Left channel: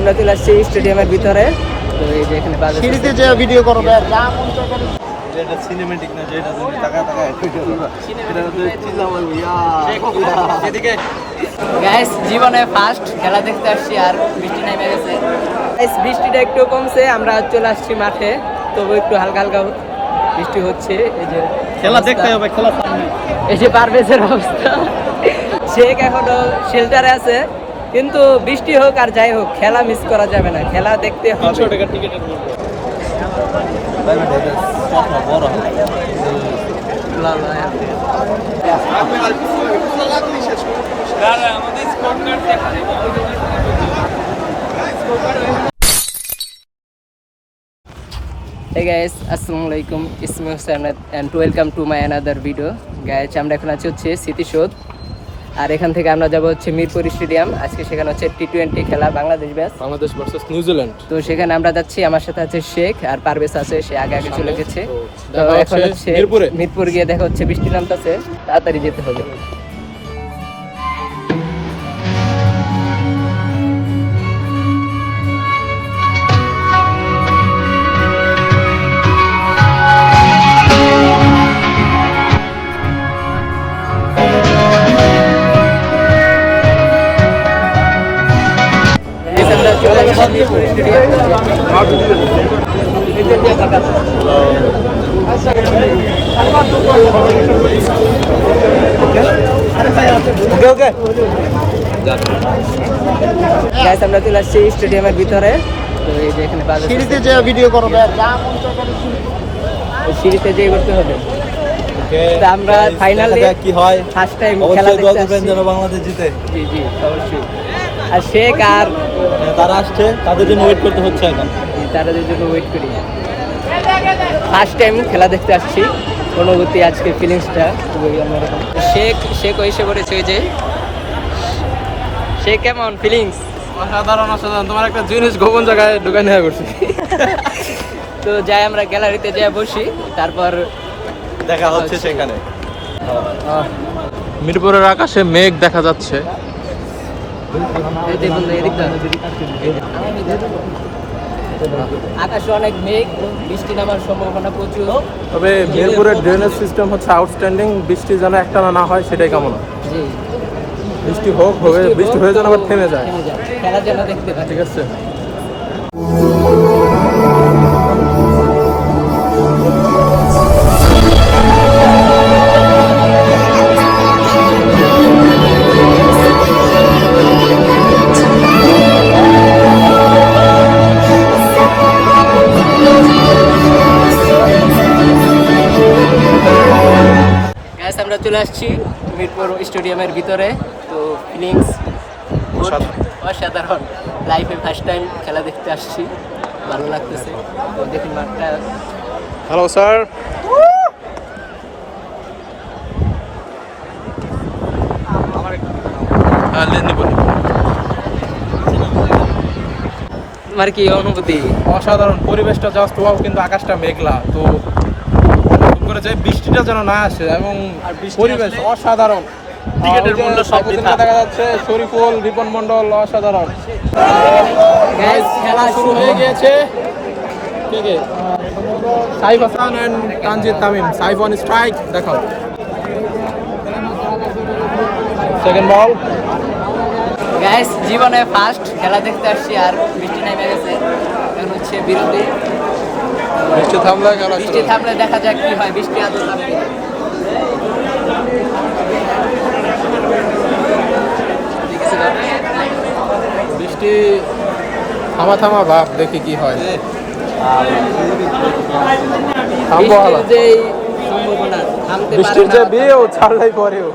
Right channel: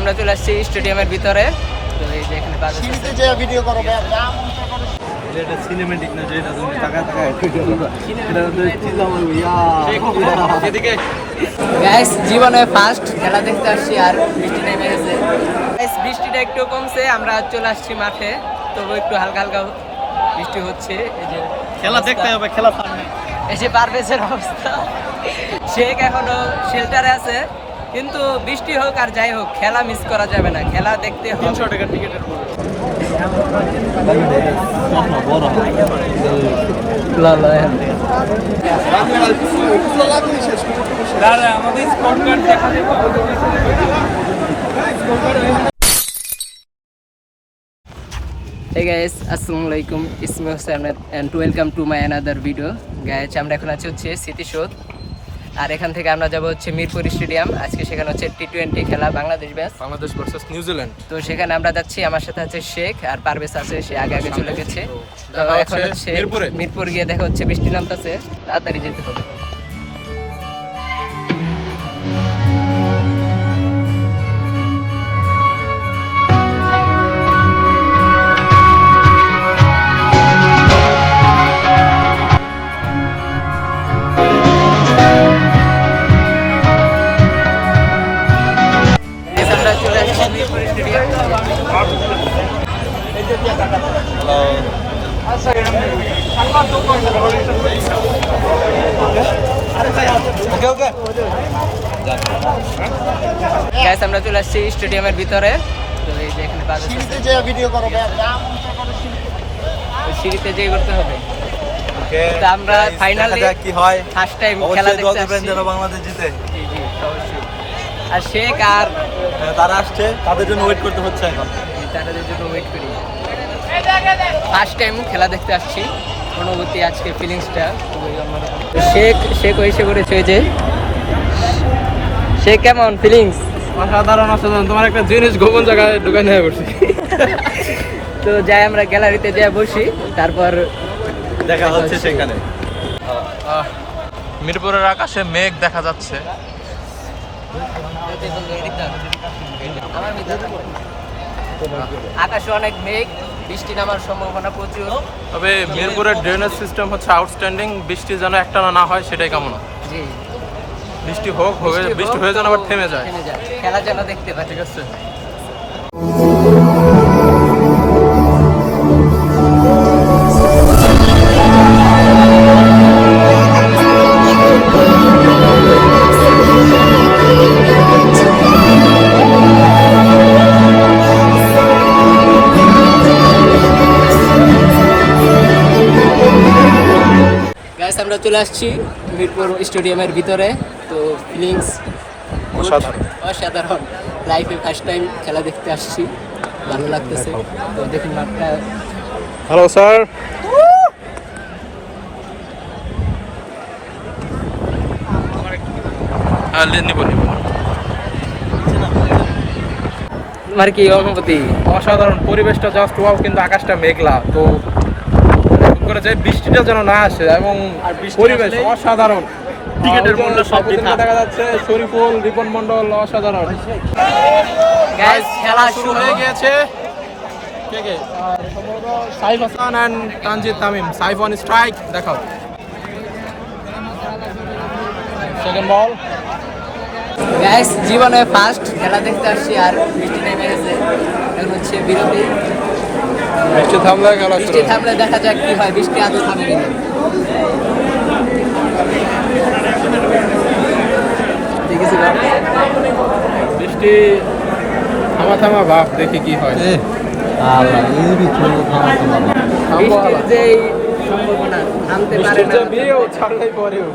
আমরা চলে আসছি স্টেডিয়ামের ভিতরে। তো এই যে এখানে সিঁড়িতে যে ভিডিও করবে যেটা সিনেম্যাটিক না, যেটা টাকা টাকা ভিডিও করবে এটা চিল্লাম ইয়া এদিকে গাইস জীবনে ফার্স্ট খেলা দেখতে আসছি আর বৃষ্টি নাই মেরেছে। গাইস বৃষ্টিটা একটু কমছে, আমরা চলে আসছি মাঠে, তবু একটু হালকা হালকা বৃষ্টি হচ্ছে। এই যে খেলা দেখতে হবে, খেলা এই যে পারভেজের অবস্থা, শেখ এখনো শেল্টারে আছে, কিন্তু বৃষ্টি হোক আর যাই হোক খেলা মিস করা যাবে না, খেলা দেখতে হবে। 300 টাকা টিকেটের মূল্য ভাই মানে এটা কত বড় লা লা Hey guys, আসসালামু আলাইকুম, it's me Hussain and welcome to my another video. Guys, আমরা এখন আছি হচ্ছে স্মৃতিসৌধ, আর এখান থেকে আমরা যাব হচ্ছে মিরপুর স্টেডিয়াম। আজকে সেখানে হচ্ছে টি20 খেলা, বাংলাদেশ ভার্সেস নিউজিল্যান্ড। তো সেখানে আমরা যাচ্ছি, আমার সাথে আছে শেখ আর পারভেজ আছে, সে আগে আগে চলে গেছে। তো এখন হচ্ছে মিরপুর গিয়ে দেখা হচ্ছে বৃষ্টি নামতেছে, তাড়াতাড়ি যেতে হবে। আমরা চলে আসছি মিরপুর স্টেডিয়াম। গাইস আমরা চলে আসছি স্টেডিয়ামের ভিতরে। তো এই যে এখানে সিঁড়িতে যে ভিডিও করবে সিঁড়িতে যেয়ে করতে হবে। তো আমরা ফাইনালি কি হয় ফার্স্ট টাইম খেলা দেখতে আসছি, যেন বাংলাদেশ জিতে। জি জি অবশ্যই। আর শেখ আর তারা আসছে, তাদের জন্য ওয়েট করতে হচ্ছে এখন। তাদের জন্য ওয়েট করি। ফার্স্ট টাইম খেলা দেখতে আসছি, অনুভূতি আজকে ফিলিংসটা খুবই অন্যরকম। শেখ এসে পড়েছে, যে শেখ কেমন ফিলিংস? অসাধারণ অসাধারণ, তোমার একটা জিনিস গোপন জায়গায় ঢুকে নিয়ে বসে। তো যাই আমরা গ্যালারিতে যাই বসি, তারপর দেখা হচ্ছে সেখানে। মিরপুরের আকাশে মেঘ দেখা যাচ্ছে। আকাশে অনেক মেঘ, বৃষ্টি নামার সম্ভাবনা প্রচুর। তবে মিরপুরের ড্রেনেজ সিস্টেম হচ্ছে আউটস্ট্যান্ডিং, বৃষ্টি যেন একটানা না হয় সেটাই কামনা। জি বৃষ্টি হোক, বৃষ্টি হয়ে যেন আবার থেমে যায়, খেলা যেন দেখতে পাই। ঠিক আছে। আমরা চলে আসছি মিরপুর স্টেডিয়ামের ভিতরে। তো ফিলিংস অসাধারণ, লাইফে ফার্স্ট টাইম খেলা দেখতে আসছি, ভালো লাগতেছে। তো দেখুন মাঠটা। Hello sir. তোমার কি অনুভূতি? অসাধারণ পরিবেশটা, জাস্ট ওয়াও, কিন্তু আকাশটা মেঘলা, তো করে যায় বৃষ্টিটা যেন না আসে, এবং পরিবেশ অসাধারণ। টিকেটের মূল্য সব দেখা যাচ্ছে। শরীফুল, রিপন মন্ডল, অসাধারণ। গাইস খেলা শুরু হয়ে গিয়েছে। কে কে? Saif Hasan and Tanzid Tamim. Saif on strike, দেখাও। Second ball. গাইস জীবনে ফার্স্ট খেলা দেখতে আসছি আর বৃষ্টি নাই মেরেছে। এখন হচ্ছে বিরতি। বৃষ্টি থামলে খেলা শুরু। বৃষ্টি থামলে দেখা যাক কি হয়, বৃষ্টি আগে থামে কিনা। বৃষ্টি থামা ভাব, দেখি কি হয়। বৃষ্টির যে সম্ভাবনা, থামতে পারে বৃষ্টির যে না। বিয়েও ছাড়লাই পরেও।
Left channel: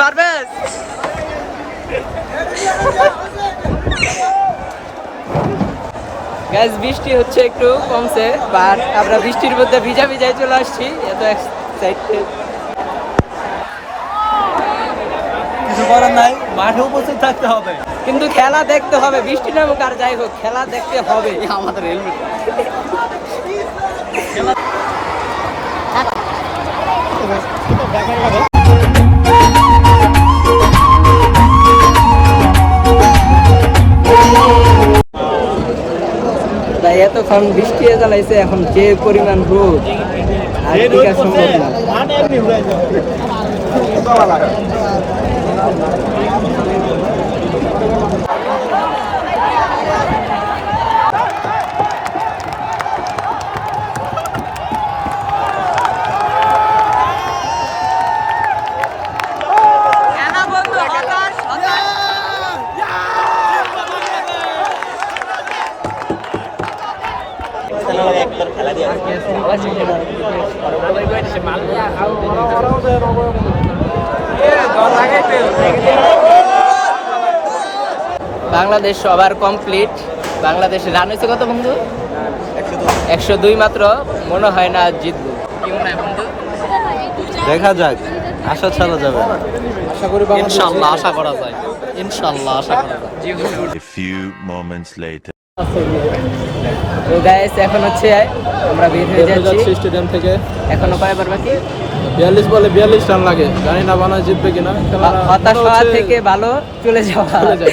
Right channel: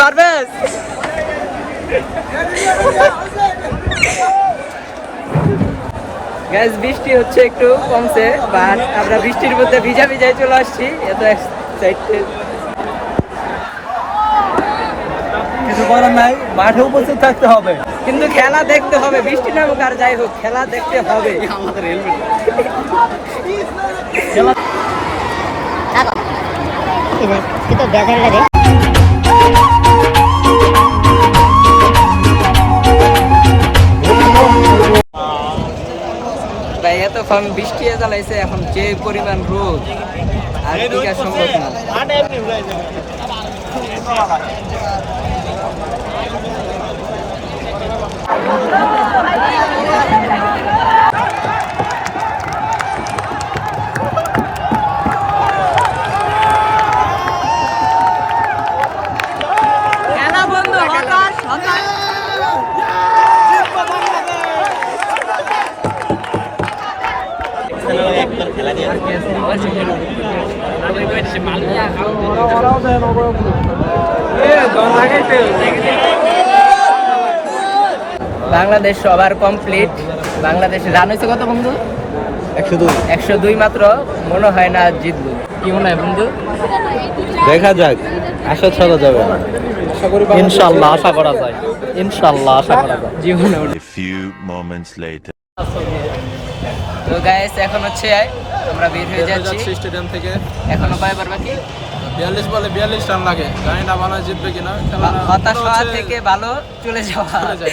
পারবেন? গ্যাস বৃষ্টি হচ্ছে একটু কমছে, বাট আমরা বৃষ্টির মধ্যে ভিজা ভিজাই চলে আসছি, এত এক্সাইটেড। কিছু করার নাই, মাঠে উপস্থিত থাকতে হবে। কিন্তু খেলা দেখতে হবে, বৃষ্টি নামুক আর যাই হোক, খেলা দেখতে হবে। আমাদের helmet itu biasa lah deh. ভাই এতক্ষণ বৃষ্টি চালাইছে, এখন যে পরিমাণ রোদ আর টিকা সম্ভব না। বাংলাদেশ সবার কমপ্লিট। বাংলাদেশ রান হয়েছে কত বন্ধু? 102 মাত্র। মনে হয় না জিতবো, কি মনে হয় বন্ধু? দেখা যাক, আশা ছাড়া যাবে না। ইনশাআল্লাহ আশা করা যায়, ইনশাআল্লাহ আশা করা যায়। জীবনে A few moments later. তো গাইস এখন হচ্ছে আমরা বের হয়ে যাচ্ছি স্টেডিয়াম থেকে। এখনো কয়বার বাকি? 42 বলে 42 রান লাগে, জানি না বানা জিতবে কিনা। হতাশ হওয়া থেকে ভালো চলে যাওয়া।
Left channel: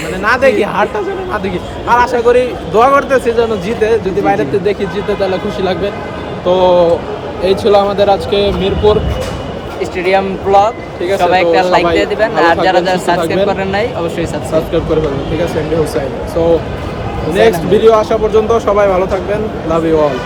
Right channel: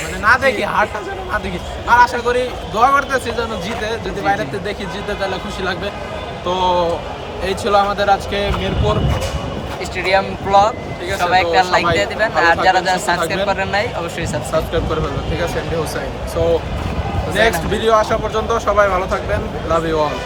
মানে না দেখি হারটা যেন না দেখি, আর আশা করি দোয়া করতেছি যেন জিতে। যদি বাইরে থেকে দেখি জিতে তাহলে খুশি লাগবে। তো এই ছিল আমাদের আজকে মিরপুর স্টেডিয়াম ব্লগ। ঠিক আছে, সবাই তো একটা লাইক সবাই দিয়ে দিবেন, ভালো আর যারা থাকবেন, যারা সুস্থ সাবস্ক্রাইব থাকবেন। করেন নাই অবশ্যই সাবস্ক্রাইব করে ফেলবেন। ঠিক আছে, MD Hussain. So next video আসা পর্যন্ত সবাই ভালো থাকবেন। Love you all.